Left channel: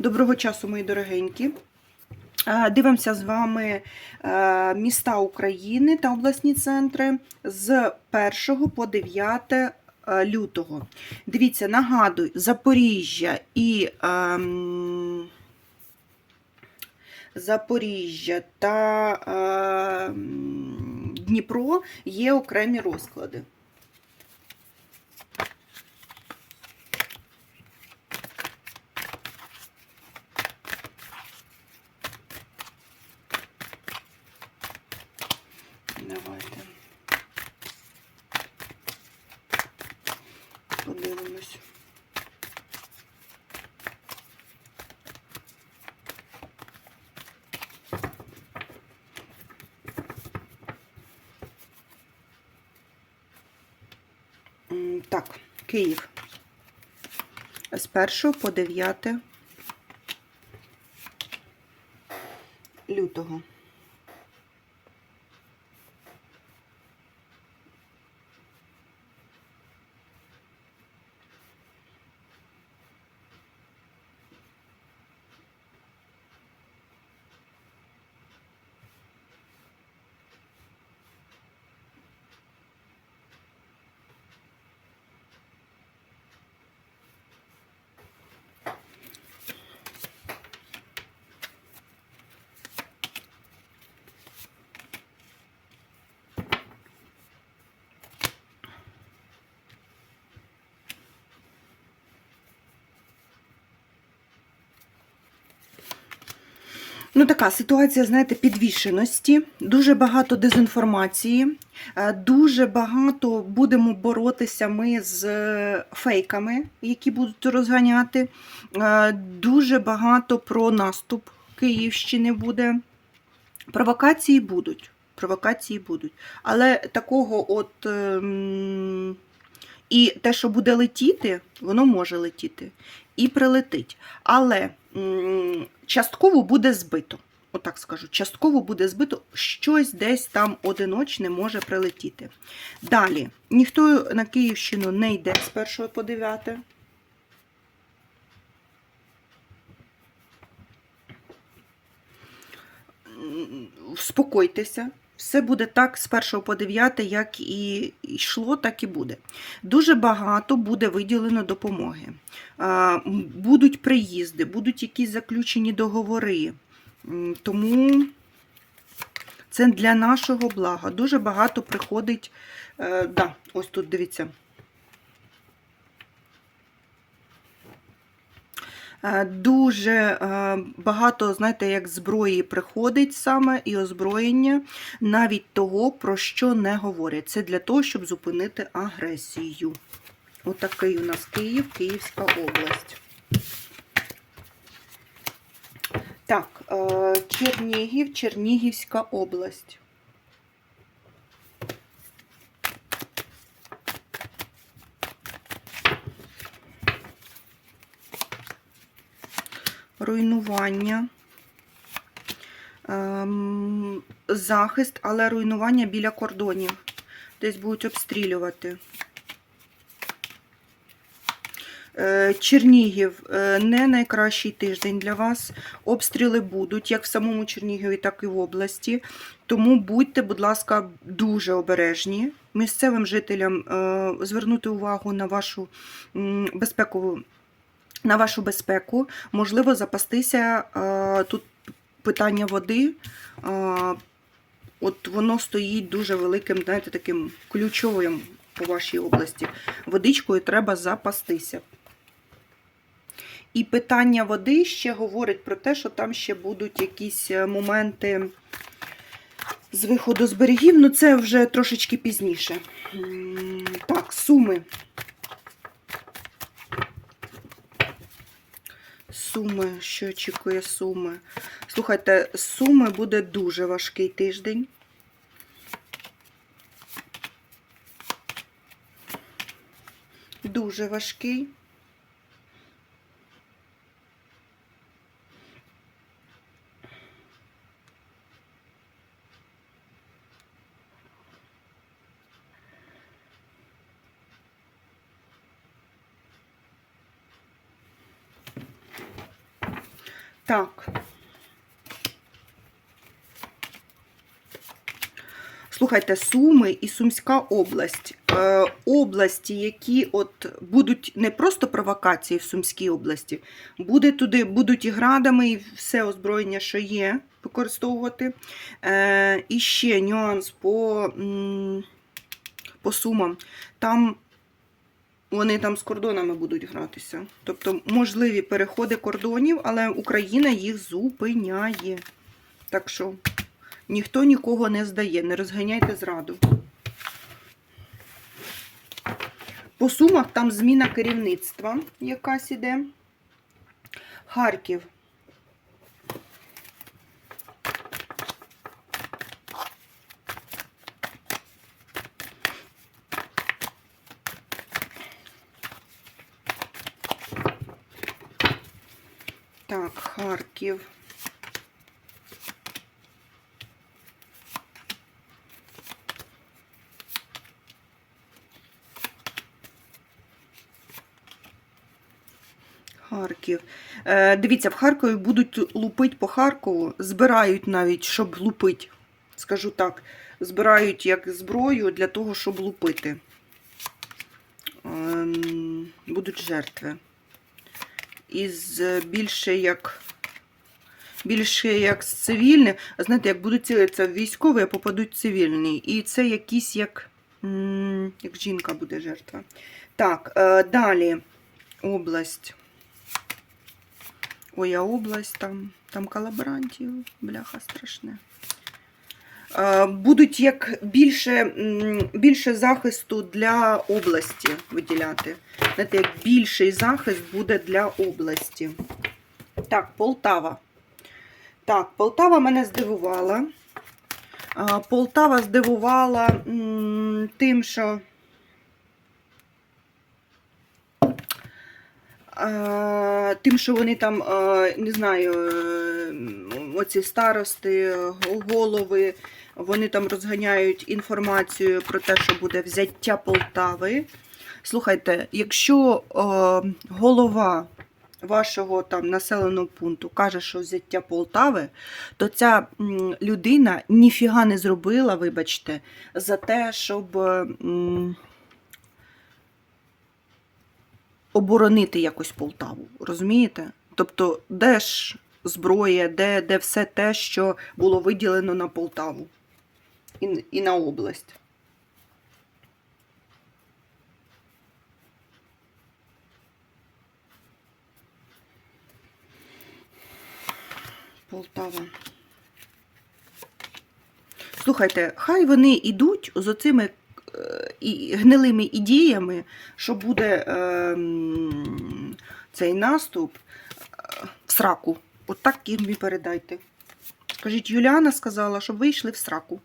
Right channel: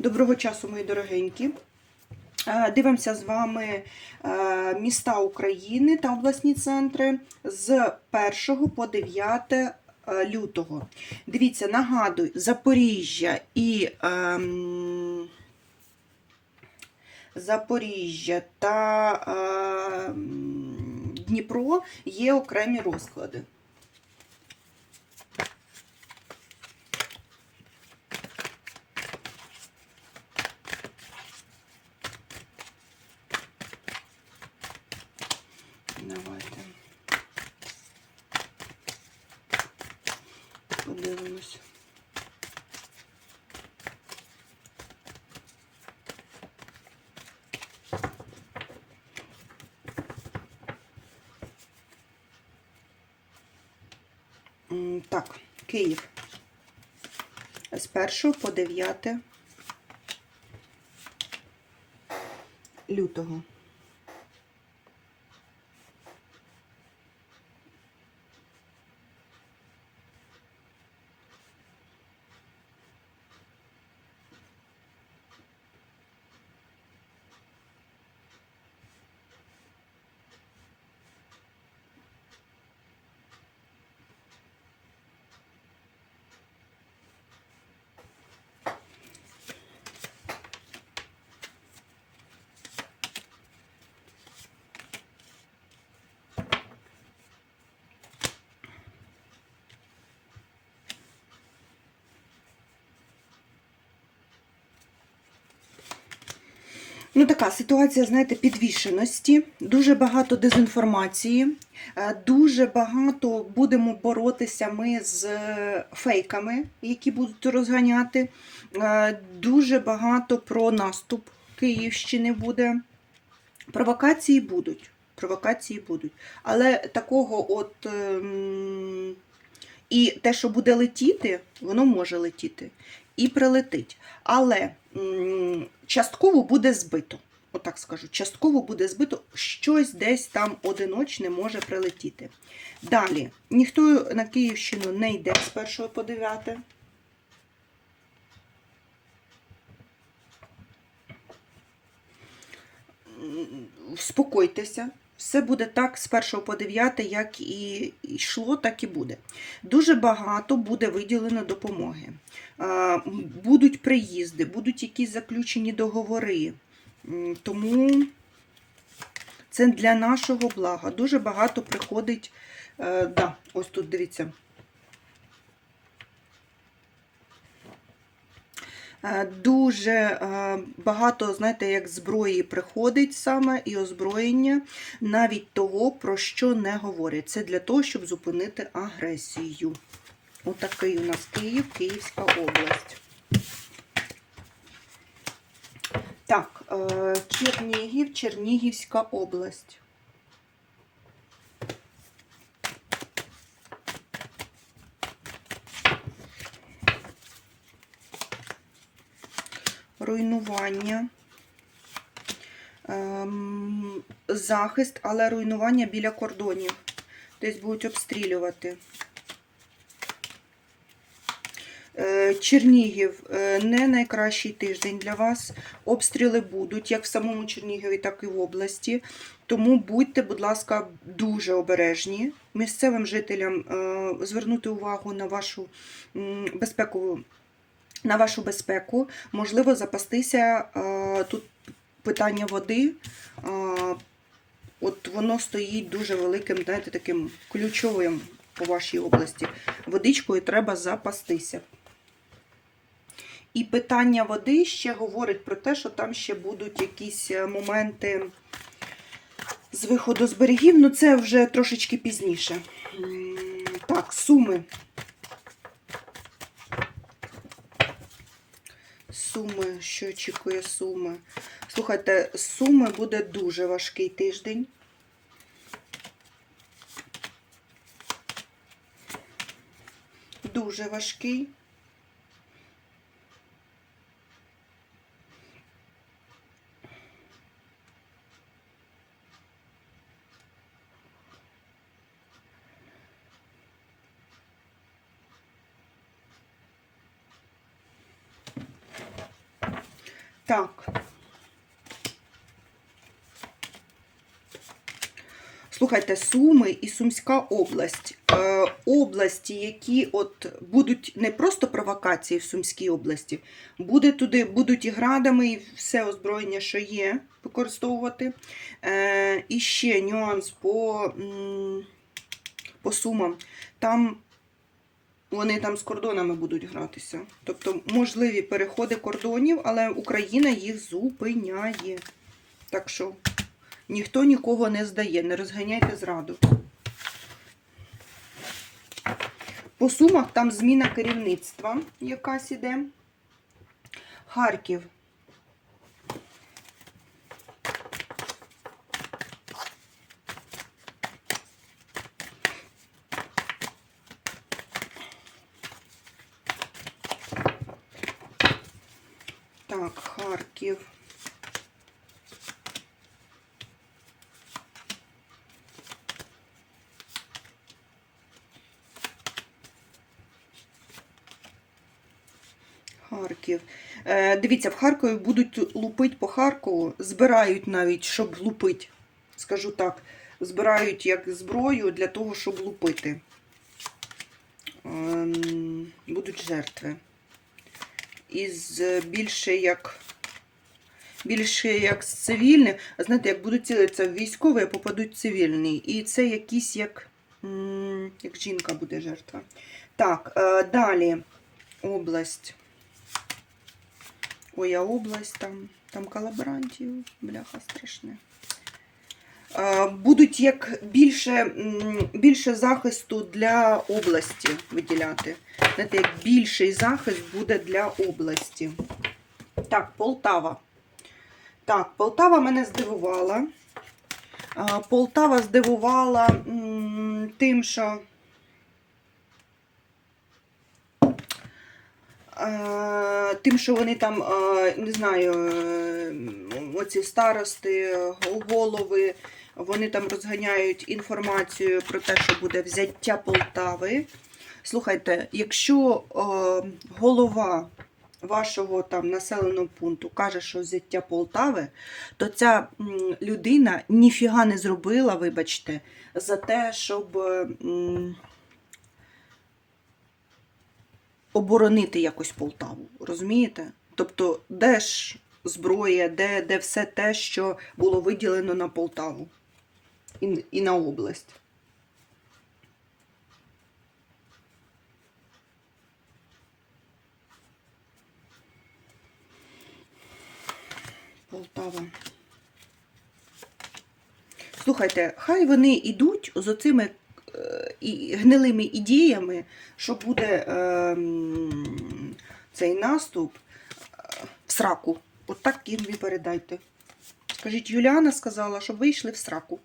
Доброго часу, мої дорогенькі. Дивимося з вами міста України та обласні центри з 1 по 9 е, лютого. Дивіться, нагадую, Запоріжжя і ем, Запоріжжя та ем, Дніпро є окремі розклади. Так, Київ. З 1 по 9 лютого. Ну, така ситуація, знаєте, підвішеності, дуже багато дезінформації, е, дуже багато будемо боротися ми з е, фейками, які будуть розганяти. Е, Дуже багато про наступ Київщини буде. Провокації будуть. Провокації будуть. Але такого от. ем, І те, що буде летіти, воно може летіти і прилетить. Але частково буде збито. Отак скажу, частково буде збито, щось десь там одиночне може прилетіти. Далі, ніхто на Київщину не йде з 1 по 9. М, Успокойтеся. Все буде так з 1 по 9, як і йшло, так і буде. Дуже багато буде виділено допомоги. Будуть приїзди, будуть якісь заключені договори. Тому це для нашого блага. Дуже багато приходить. е, Да, ось тут дивіться. Дуже е, багато, знаєте, як зброї приходить саме і озброєння, навіть того, про що не говорять. Це для того, щоб зупинити агресію. Отакий у нас Київ, Київська область. Так, е, Чернігів, Чернігівська область. Руйнування. Ем, захист, але руйнування біля кордонів. Десь будуть обстрілювати. Е, Чернігів е, не найкращий тиждень для вас. Обстріли будуть як в самому Чернігові, так і в області. Тому будьте, будь ласка, дуже обережні. Місцевим жителям е, звернути увагу на вашу безпекову. На вашу безпеку, можливо, запастися е, тут питання води. е, От воно стоїть дуже великим, знаєте, таким ключовим по вашій області. Водичкою треба запастися. І питання води ще говорить про те, що там ще будуть якісь е, моменти з виходу з берегів. Ну, це вже трошечки пізніше. Так, суми. Суми, що очікує суми? Слухайте, суми буде дуже важкий тиждень. Дуже важкий. Так. Слухайте, Суми і Сумська область. Е, області, які от будуть не просто провокації в Сумській області, буде туди, будуть і градами, і все озброєння, що є, використовувати. Е, і ще нюанс по, по Сумам. Там вони там з кордонами будуть гратися. Тобто можливі переходи кордонів, але Україна їх зупиняє. Так що ніхто нікого не здає, не розганяйте зраду. По сумах там зміна керівництва якась іде. Харків. Так, Харків. Харків. Е, дивіться, в Харкові будуть лупити по Харкову, збирають навіть, щоб лупити. Скажу так, збирають як зброю для того, щоб лупити. Ем, будуть жертви. Із е, більше як. Більше як з цивільних, а знаєте, як будуть цілитися в військові, а попадуть цивільні. І це якісь як, як жінка буде жертва. Так, е, далі область. Ой, а область там, там колаборантів, бляха страшне. Е, Будуть як більше, більше захисту для області виділяти. Знаєте, як більший захист буде для області. Так, Полтава. Так, Полтава мене здивувала. Е, Полтава здивувала тим, що Е, Тим, що вони там, не знаю, оці старости, голови, вони там розганяють інформацію про те, що буде взяття Полтави. Слухайте, якщо е, голова вашого там населеного пункту каже, що взяття Полтави, то ця людина ніфіга не зробила, вибачте, за те, щоб. м, оборонити якось Полтаву. Розумієте? Тобто, де ж зброя, де, де все те, що було виділено на Полтаву і, на область. Полтава. Слухайте, хай вони йдуть з оцими е, і гнилими ідеями, що буде е, цей наступ е, в сраку. От так їм і передайте. Скажіть, Юліана сказала, щоб вийшли в сраку.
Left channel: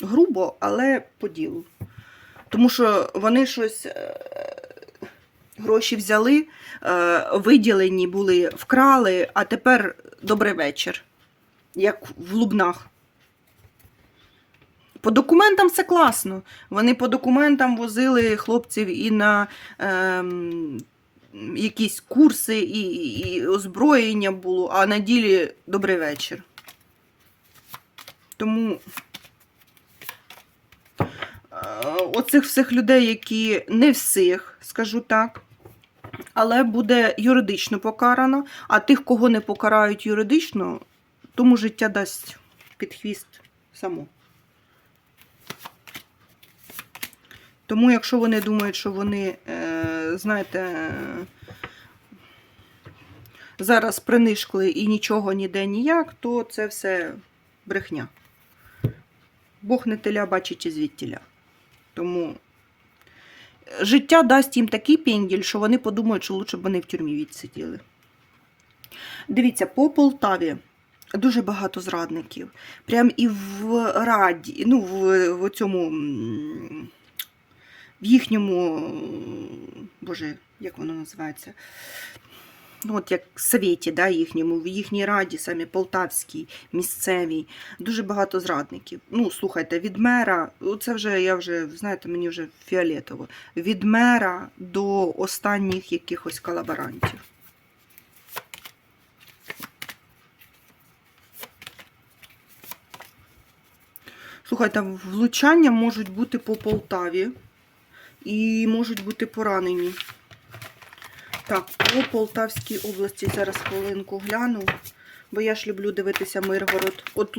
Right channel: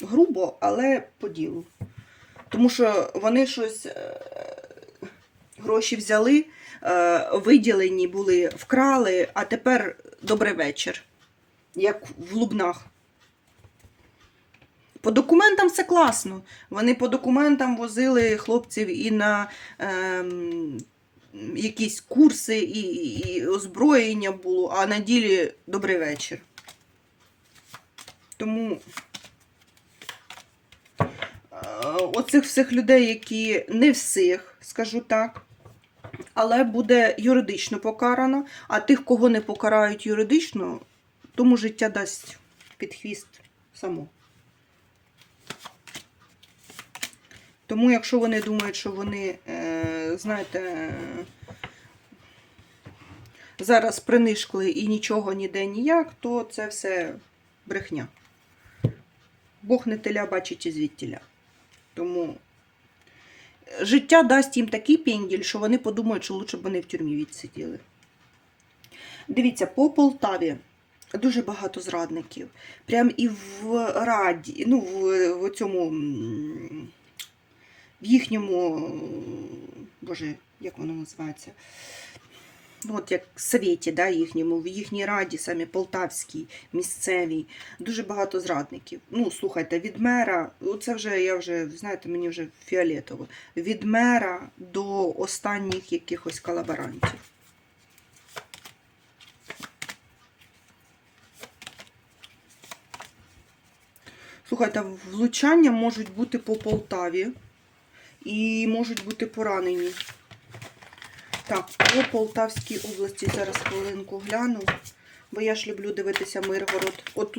Грубо, але по ділу. Тому що вони щось е, гроші взяли, е, виділені були, вкрали, а тепер добрий вечір. Як в Лубнах. По документам все класно. Вони по документам возили хлопців і на ем, якісь курси, і, і озброєння було, а на ділі добрий вечір. Тому е, оцих всіх людей, які не всіх, скажу так, але буде юридично покарано, а тих, кого не покарають юридично, тому життя дасть під хвіст само. Тому, якщо вони думають, що вони, е, знаєте, е, зараз принишкли і нічого ніде ніяк, то це все брехня. Бог не теля бачить і звідтіля. Тому життя дасть їм такий пенділь, що вони подумають, що лучше б вони в тюрмі відсиділи. Дивіться, по Полтаві дуже багато зрадників. Прям і в раді, ну, в, в цьому. в їхньому, боже, як воно називається? ну от як в Совєті да, їхньому, в їхній раді, самі полтавській, місцевій, дуже багато зрадників. Ну, слухайте, від мера, це вже я вже, знаєте, мені вже фіолетово, від мера до останніх якихось колаборантів. Слухайте, влучання можуть бути по Полтаві і можуть бути поранені. Так, по Полтавській області зараз хвилинку гляну, бо я ж люблю дивитися Миргород. От